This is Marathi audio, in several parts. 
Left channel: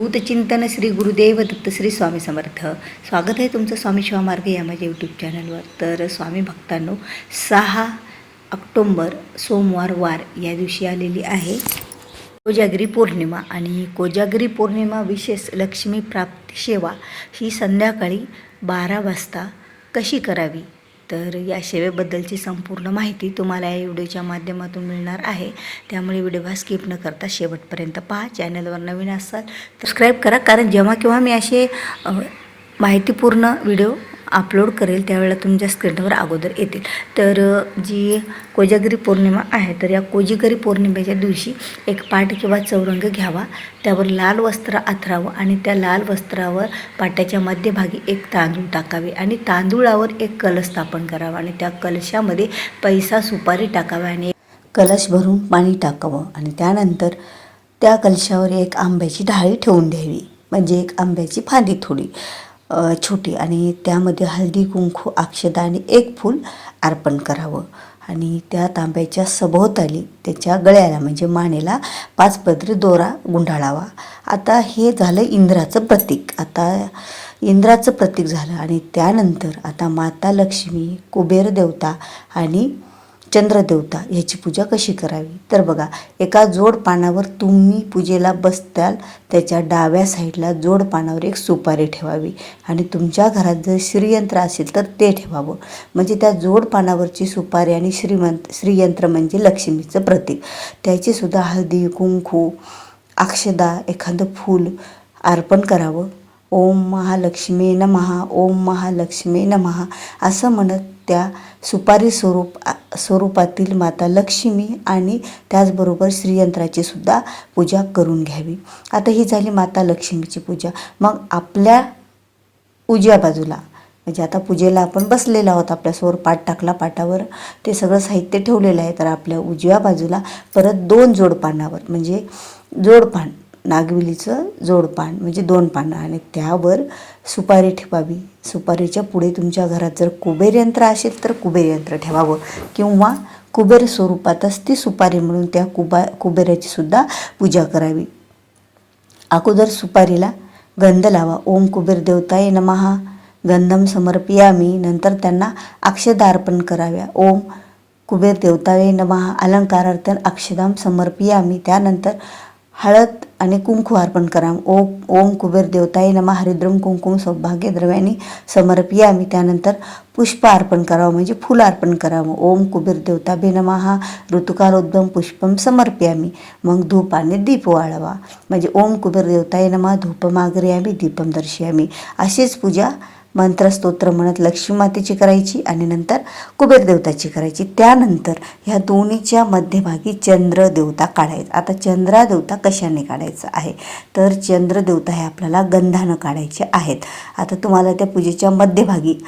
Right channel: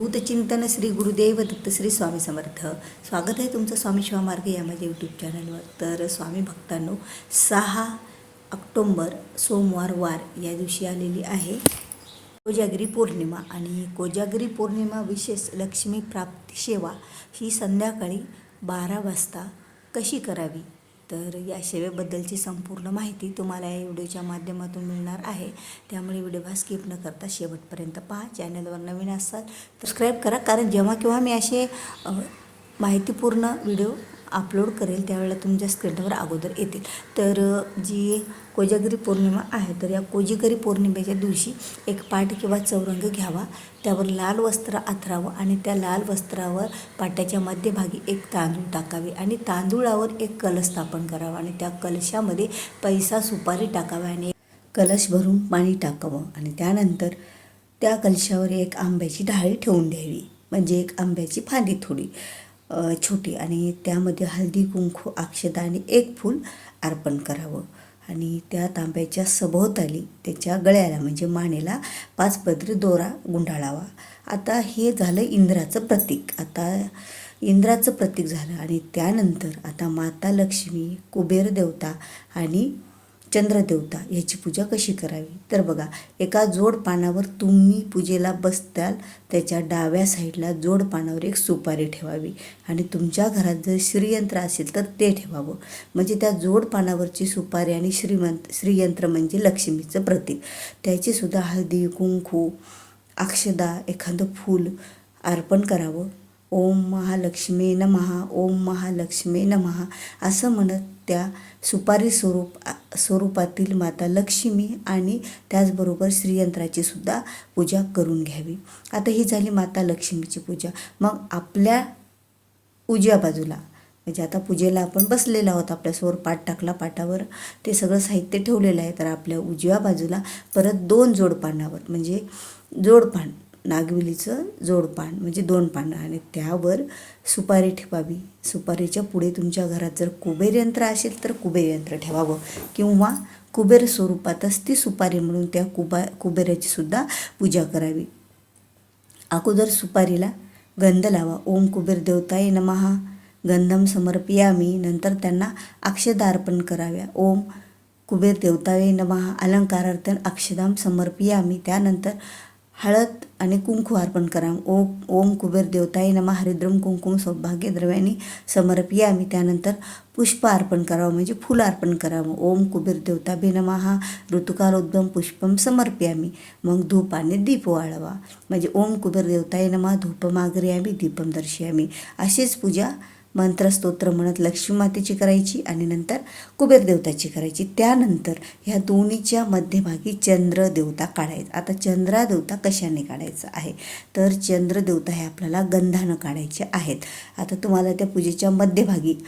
भूतचिंतन श्री गुरुदेव दत्त श्री स्वामी समर्थ. स्वागत आहे तुमचं स्वामी शिवा मार्ग या माझ्या यूट्यूब चॅनलवर. तर स्वामी भक्तांनो, 6 ऑक्टोंबर सोमवार वार या दिवशी आलेली आहे कोजागिरी पौर्णिमा. आणि कोजागिरी पौर्णिमा विशेष लक्ष्मी प्राप्ती सेवा ही संध्याकाळी 12 वाजता कशी करावी, तर या सेवेबद्दलची संपूर्ण माहिती तुम्हाला या व्हिडिओच्या माध्यमातून मिळणार आहे. त्यामुळे व्हिडिओ स्किप न करता शेवटपर्यंत पहा. चॅनलवर नवीन असाल तर सबस्क्राईब करा, कारण जेव्हा केव्हा मी असे माहितीपूर्ण व्हिडिओ अपलोड करेल त्यावेळेला तुमच्या स्क्रीनवर अगोदर येतील. तर जी कोजागिरी पौर्णिमा आहे, तर या कोजागिरी पौर्णिमेच्या दिवशी एक पाट किंवा चौरंग घ्यावा, त्यावर लाल वस्त्र अंथरावं आणि त्या लाल वस्त्रावर पाट्याच्या मध्यभागी एक तांदूळ टाकावे आणि तांदूळावर एक कलश स्थापन करावा आणि त्या कलशामध्ये पैसा सुपारी टाकावी आणि कलश भरून पाणी टाकावं आणि त्यानंतर त्या कलशावर एक आंब्याची ढाळी ठेवून द्यावी, म्हणजे एक आंब्याची फांदी थोडी छोटी, आणि त्यामध्ये हळदी कुंकू अक्षता आणि एक फूल अर्पण करावं आणि त्या तांब्याच्या सभोवताली त्याच्या गळ्याला म्हणजे मानेला 5 पदरी दोरा गुंडाळावा. आता हे झालं इंद्राचं प्रतीक. आता इंद्राचं प्रतीक झालं आणि त्यानंतर आता माता लक्ष्मी, कुबेर देवता आणि चंद्रदेवता ह्याची पूजा कशी करावी, तर बघा, एका जोड पानावर तुम्ही पूजेला बसताल त्याच्या डाव्या साईडला जोड पानावर एक सुपारी ठेवावी आणि तुमच्या घरात जर श्रीयंत्र असेल तर ते ठेवावं. म्हणजे त्या जोड पानावरची सुपारी आणि श्रीयंत्र म्हणजे लक्ष्मीचं प्रतीक, त्याचीसुद्धा हळदी कुंकू अक्षदा एखादं फूल अर्पण करावं. ओम महालक्ष्मी नमः, ओम महालक्ष्मी नमः असं म्हणत त्या सुपारी स्वरूपातील माता लक्ष्मी आणि त्याचबरोबर श्रीयंत्राची सुद्धा पूजा करून घ्यावी. आता ही झाली माता लक्ष्मीची पूजा. मग आपल्या उजव्या बाजूला, म्हणजे आता पूजेला आपण बसलेलो आहोत, आपल्यासमोर पाट टाकला, पाटावर ते सगळं साहित्य ठेवलेलं आहे, तर आपल्या उजव्या बाजूला परत 2 जोडपानावर, म्हणजे जोडपान नागविलीचं जोडपान म्हणजे 2 पानं आणि त्यावर सुपारी ठेवावी. सुपारीच्या पुढे तुमच्या घरात जर कुबेर यंत्र असेल तर कुबेर यंत्र ठेवावं किंवा कुबेर स्वरूपातच ती सुपारी म्हणून त्या कुबेराची सुद्धा पूजा करावी. अगोदर सुपारीला गंध लावा. ओम कुबेर देवताय नमः गंधम समर्पयामी. नंतर त्यांना अक्षदा अर्पण कराव्या. ओम कुबेर देवताय नमः अलंकारार्थन अक्षदाम समर्पयामी. त्यानंतर हळद आणि कुंकू अर्पण करा. ओम कुबेर देवताय नमः हरिद्रम कुंकुम सौभाग्य द्रव्यानी समर्पयामी. त्यानंतर पुष्प अर्पण करावं, म्हणजे फुल अर्पण करावं. ओम कुबेर देवताभे नमः ऋतुकारोद्भम पुष्पम समर्पयामी. मग धूप आणि दीप वाळवा, म्हणजे ओम कुबेर देवताय नमः धूपमाग्रयामी दीपम दर्शयामी. अशीच पूजा मंत्रस्तोत्र म्हणत लक्ष्मी मातेची करायची आणि नंतर कुबेर देवताची करायची. त्यानंतर ह्या दोन्हीच्या मध्यभागी चंद्रदेवता काढायचा. आता चंद्रदेवता कशाने काढायचं आहे, तर चंद्रदेवता हे आपल्याला गंधानं काढायचे आहेत. आता तुम्हाला त्या पूजेच्या मध्यभागी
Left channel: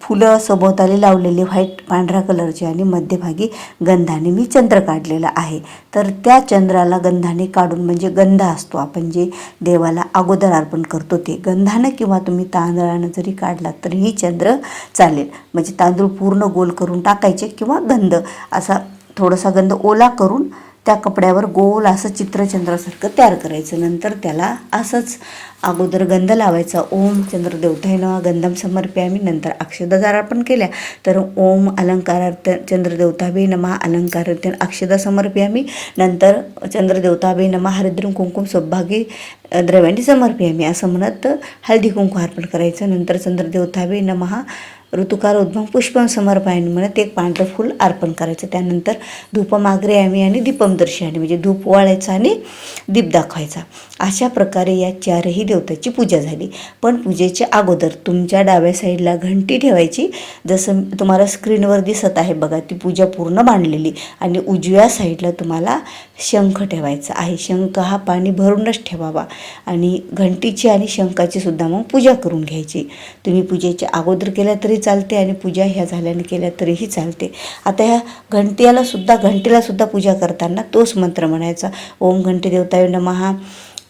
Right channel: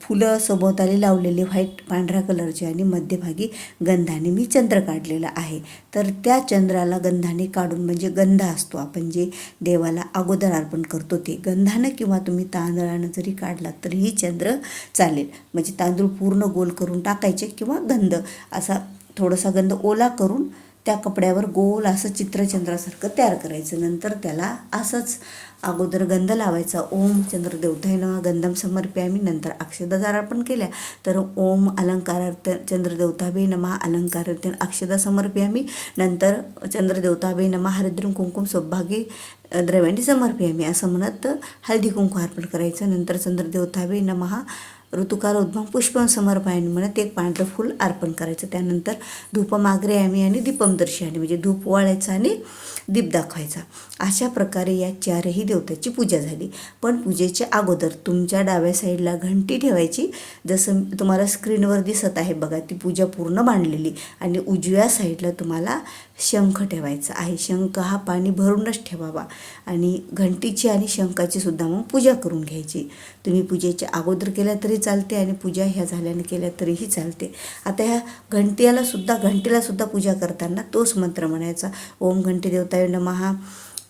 फुलं सभोवताली लावलेली व्हाईट पांढऱ्या कलरची आणि मध्यभागी गंधाने मी चंद्र काढलेला आहे. तर त्या चंद्राला गंधाने काढून, म्हणजे गंध असतो आपण जे देवाला अगोदर अर्पण करतो, ते गंधानं किंवा तुम्ही तांदळानं जरी काढला तरीही चंद्र चालेल. म्हणजे तांदूळ पूर्ण गोल करून टाकायचे किंवा गंध असा थोडासा गंध ओला करून त्या कपड्यावर गोल असं चित्रचंद्रासारखं तयार करायचं. नंतर त्याला असंच अगोदर गंध लावायचा. ओम चंद्रदेवताय नमः गंधम समर्पयामी. नंतर अक्षदा जर अर्पण केल्या तर ओम अलंकारार्थ चंद्रदेवताभे नमः अलंकारार्थ अक्षदा समर्पयामी. नंतर चंद्रदेवताभे नमः हरिद्रम कुंकुम सौभाग्य द्रव्याने समर्पयामी असं म्हणत हळदी कुंकू अर्पण करायचं. नंतर चंद्रदेवताभे नमः ऋतुकारोद्भम पुष्पम समर्पयामी म्हणत एक पांढरं फूल अर्पण करायचं. त्यानंतर धूपमाग्रयामी आणि दीपम दर्शयामी, म्हणजे धूप वाळायचा आणि दीप दाखवायचा. अशा प्रकारे या 4ही देवताची पूजा झाली. पण पूजेच्या अगोदर तुमच्या डाव्या साईडला घंटी ठेवायची, जसं तुम्हाला स्क्रीनवर दिसत आहे बघा, ती पूजा पूर्ण मांडलेली. आणि उजव्या साईडला तुम्हाला शंख ठेवायचा आहे. शंख हा पाणी भरूनच ठेवावा आणि घंटीची आणि शंखाची सुद्धा मग पूजा करून घ्यायची. तुम्ही पूजेच्या अगोदर केल्या तरी चालते आणि पूजा ह्या झाल्याने केल्या तरीही चालते. आता ह्या घंटीला सुद्धा पूजा करताना तोच मंत्र म्हणायचा. ओम घंटी देवताय नमः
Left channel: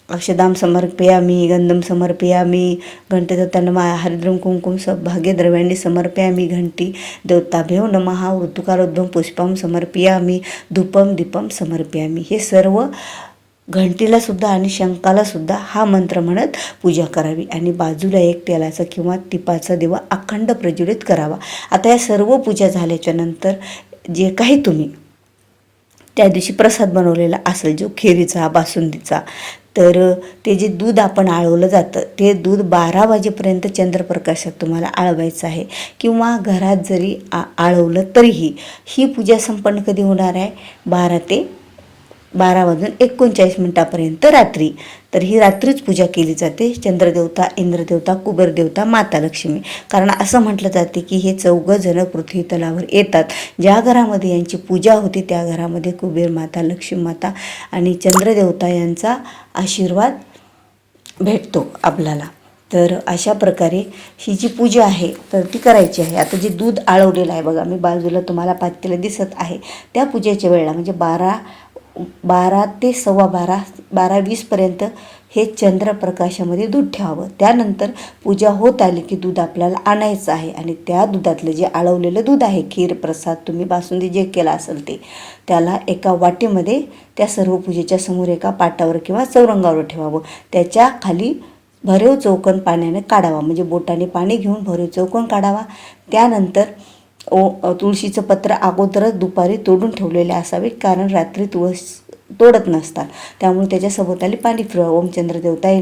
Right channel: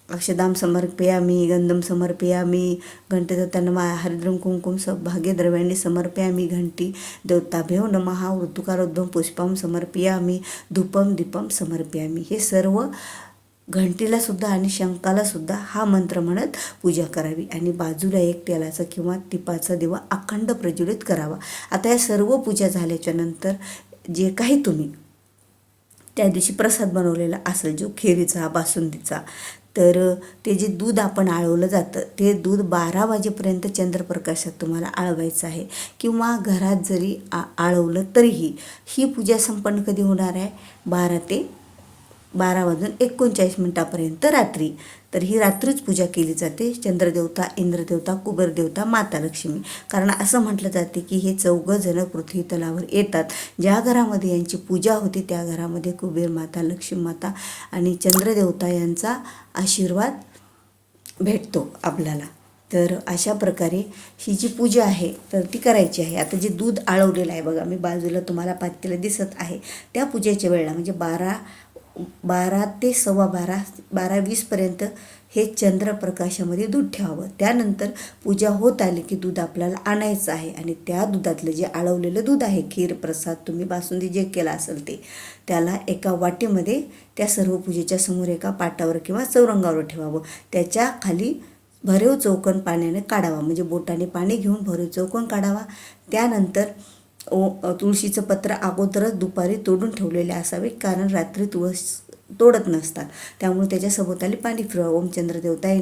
अक्षदाम समर्पयामी गंधम समर्पयामी घंटेदत्ता नमः हरिद्रम कुंकुम सौभाग्य द्रव्याणी समर्पयामी घंटी देवताभ्यो नमः ऋतुकारोद्भम पुष्पम समर्पयामी धूपम दीपम समर्पयामी. हे सर्व घंटीला सुद्धा आणि शंखाला सुद्धा हा मंत्र म्हणत पूजा करावी आणि बाजूला एक तेलाचा किंवा तिपाचा दिवा अखंड प्रज्वलित करावा. आता या सर्व पूजा झाल्याच्या नंतर जे काही तुम्ही त्या दिवशी प्रसाद बनवलेला असेल, जो खिरीचा, बासुंदीचा, तर ते जे दूध आपण आळवलं जातं ते दूध 12 वाजेपर्यंत चंद्रप्रकाशात तुम्हाला आळवायचं आहे. किंवा घरात जरी आळवलं तरीही ही पूजा संपन्न कधी होणार आहे? 12 वाजून 39 रात्री. तर ही रात्रीच पूजा केली जाते. चंद्रदेवता, इंद्रदेवता, कुबेरदेवता, माता लक्ष्मी. कारण असं म्हटलं जाते की हे 4 जण पृथ्वी तलावर येतात. ज्या घरामध्ये यांची पूजा होते त्या घरामध्ये कुबेर माता, लक्ष्मी माता आणि चंद्रदेवता यांचा आशीर्वाद भेटतो आपल्याला. तर अशा प्रकारे ही जी पूजा आहे तर ती करायची आहे. आता जे दूध आळवलेलं आहे बघा, मी बाजूला तुम्हाला पातेलं दिसत आहे, त्या पूजेच्या वेळेला म्हणजे 12 ते 12:15, 12:20 हे चंद्रप्रकाशामध्ये दूध ठेवावं. त्यानंतर पूजा होत आली की दूध आपल्याला आणायचं आहे आणि त्या दुधातलं जे आळवलेलं दूध आहे, खीर, प्रसाद, तुम्ही बासुंदी जे केलं असेल ते, त्याला एका वाटीमध्ये त्या सर्व पूजेच्या समोर एका पाटावर किंवा चौरंगावर ठेवावं. त्याच्या खाली भरीव चौकोन पाण्याने काढावा, म्हणजे बोटाने पाणी घेऊन भरीव चौकोन काढावा. त्यानंतर तुळशीचं पत्र अगोदरच दुपारी तोडून ठेवलेले असावे, कारण रात्री तुळस तोडत नसतात, त्यामुळे त्याच्या सभोवताली पाणी फिरवा. ओम चंद्रदेवताय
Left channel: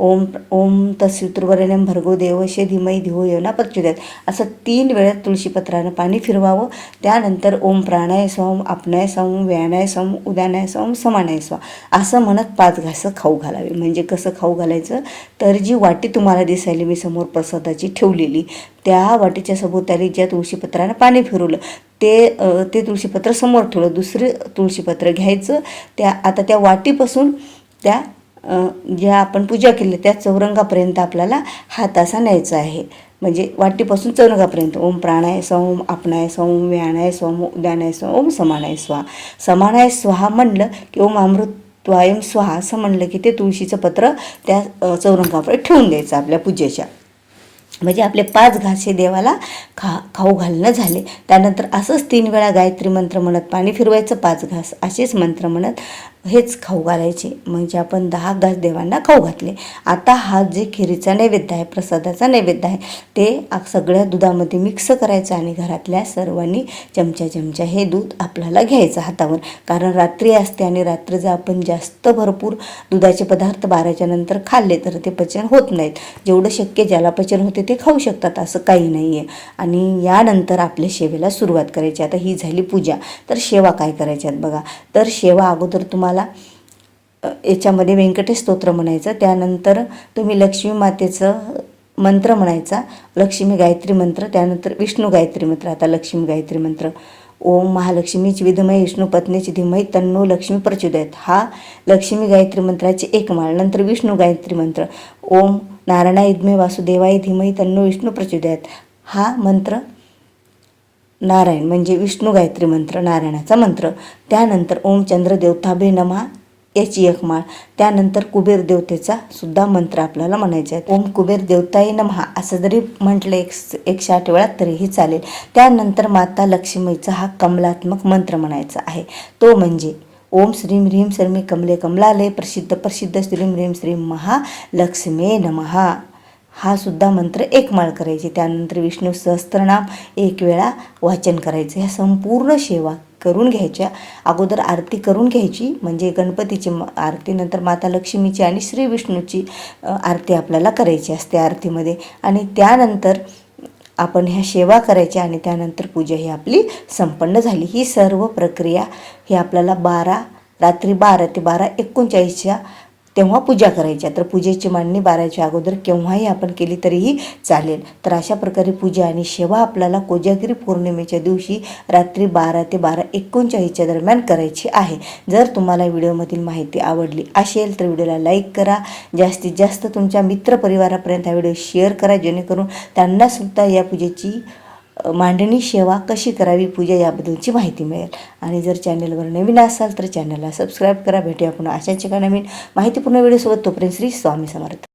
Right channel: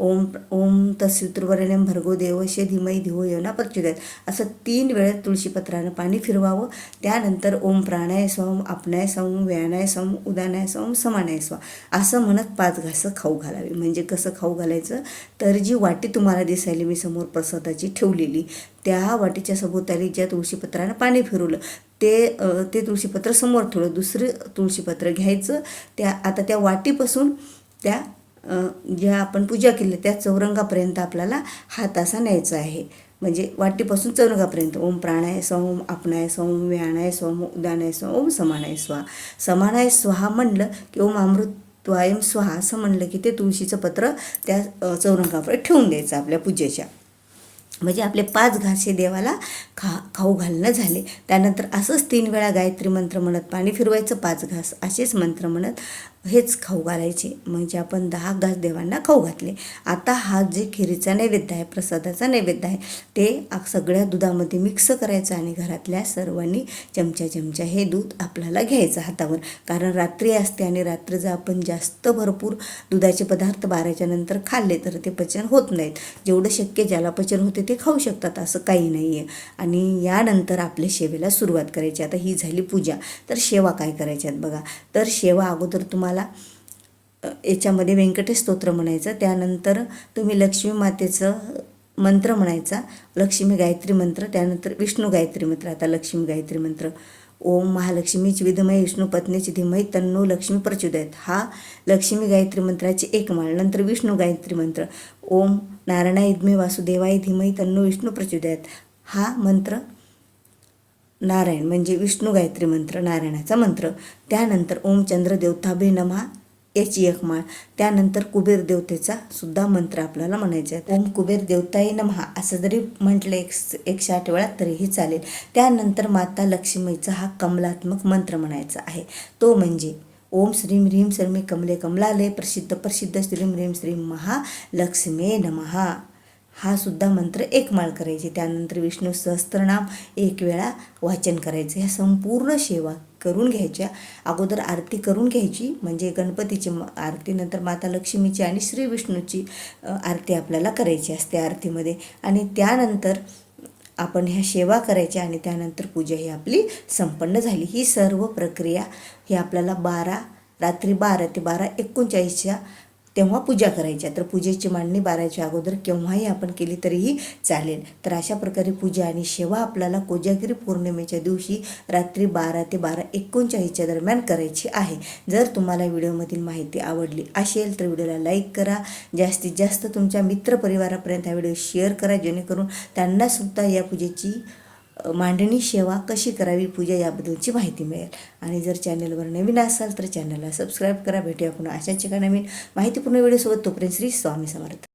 ओम ओम तत्सवितुर्वरेण्यं भर्गो देवस्य धीमहि धियो यो नः प्रचोदयात्, असं 3 वेळा तुळशीपत्रानं पाणी फिरवावं. त्यानंतर ओम प्राणाय स्वाम, आपणाय स्वाम, व्यानाय स्वाम, उदानाय स्वाम, समानाय स्वाम असं म्हणत 5 घासं खाऊ घालावे. म्हणजे कसं खाऊ घालायचं? तर जी वाटी तुम्हाला दिसायली मी समोर प्रसादाची ठेवलेली, त्या वाटीच्या सभोवताली ज्या तुळशीपत्रानं पाणी फिरवलं ते तुळशीपत्र समोर ठेवलं. दुसरं तुळशीपत्र घ्यायचं. आता त्या वाटीपासून त्या ज्या आपण पूजा केली त्या चौरंगापर्यंत आपल्याला हात असा न्यायचा आहे. म्हणजे वाटीपासून चौरंगापर्यंत. ओम प्राणाय स्वाम, आपणाय स्वाम, व्यानाय स्वाम, उदानाय स्वाम, ओम समानाय स्वाहा. समानाय स्वाहा म्हणलं की ओम अमृतत्वायम स्वाहा असं म्हणलं की ते तुळशीचं पत्र त्या चौरंगावर ठेवून द्यायचं आपल्या पूजेच्या. म्हणजे आपले 5 घासे देवाला खाऊ घालणं झाले. त्यानंतर असंच 3 वेळा गायत्री मंत्र म्हणत पाणी फिरवायचं, 5 घास असेच मंत्र म्हणत हेच खाऊ घालायचे. म्हणजे आपण 10 घास देवांना खाऊ घातले. आता हा जे खिरीचा नैवेद्य आहे, प्रसादाचा नैवेद्य आहे, ते सगळ्या दुधामध्ये मिक्स करायचं आणि घरातल्या सर्वांनी चमचा हे दूध आपल्याला घ्यायचं हातावर. कारण रात्री असते आणि रात्री जर आपण जास्त भरपूर दुधाचे पदार्थ 12च्या नंतर खाल्ले तर ते पचन होत नाहीत. जेवढं शक्य ज्याला पचन होते ते खाऊ शकतात, असं काही नाही आहे. आणि यानंतर आपल्या सेवेला सुरुवात करायची. आता ही झाली पूजा. तर सेवा काय करायच्यात बघा. तर सेवा अगोदर तुम्हाला याच्यामध्ये व्यंकटेश स्तोत्र म्हणायचं. त्यानंतर तुम्ही लक्ष्मी मातेचं मंत्र म्हणायचा, लक्ष्मी गायत्री मंत्र. त्यानंतर विष्णू गायत्री मंत्र. आता लक्ष्मी गायत्री मंत्र. ओम महालक्ष्मीची विद्महे विष्णू पत्नीची धीमहि तन्नो लक्ष्मी प्रचोदयात्, हा लक्ष्मी गायत्री मंत्राची 1 माळ. नंतर विष्णू गायत्री मंत्र. ओम नारायणाय विद्महे वासुदेवाय धीमहि तन्नो विष्णू प्रचोदयात्, हा मंत्र नारायण म्हणजे विष्णू गायत्री मंत्र, नारायणाचा मंत्र. त्यानंतर ओम चंद्रदेवताभ्ये नमः याची 1 माळ. त्यानंतर कुबेर देवतेचा सुद्धा मंत्र आपल्याला म्हणायचा आहे. ओम कुबेर देवताय नमः असं जरी म्हटलं 108 वेळा तरीही चालेल. त्यानंतर माता लक्ष्मीचा हा कमलात्मक मंत्र म्हणायचा आहे. तो म्हणजे ओम श्रीं ह्रीं शर्मे कमले कमलालय प्रसिद्ध श्रीं ह्रीं श्रीं महालक्ष्मी नमः, हा सुद्धा मंत्र 1 माळ करायची. त्यानंतर विष्णू सहस्त्रनाम 1 वेळा वाचन करायचं. ह्या संपूर्ण सेवा करून घ्यायच्या. अगोदर आरती करून घ्यायची, म्हणजे गणपतीची आरती, नंतर माता लक्ष्मीची आणि श्री विष्णूची आरती आपल्याला करायची असते आरतीमध्ये. आणि त्यानंतर आपण ह्या सेवा करायच्या आणि त्यानंतर पूजा ही आपली संपन्न झाली. ही सर्व प्रक्रिया ही आपल्याला रात्री 12 ते 12:39 तेव्हा पूजा करायच्या. तर पूजेची मांडणी 12च्या अगोदर केव्हाही आपण केली तरीही चालेल. तर अशा प्रकारे पूजा आणि सेवा आपल्याला कोजागिरी पौर्णिमेच्या दिवशी रात्री 12 ते 12:39 दरम्यान करायची आहे. जर तुम्हाला व्हिडिओमधील माहिती आवडली असेल तर व्हिडिओला लाईक करा. जास्तीत जास्त तुमच्या मित्रपरिवारापर्यंत हा व्हिडिओ शेअर करा, जेणेकरून त्यांनासुद्धा या पूजेची मांडणी सेवा कशी करावी, पूजा याबद्दलची माहिती मिळेल. आणि जर चॅनलवर नवीन असाल तर चॅनलला सबस्क्राईब करा. भेटूया पुन्हा अशाच एका नवीन माहितीपूर्ण व्हिडिओसोबत. तोपर्यंत श्री स्वामी समर्थ.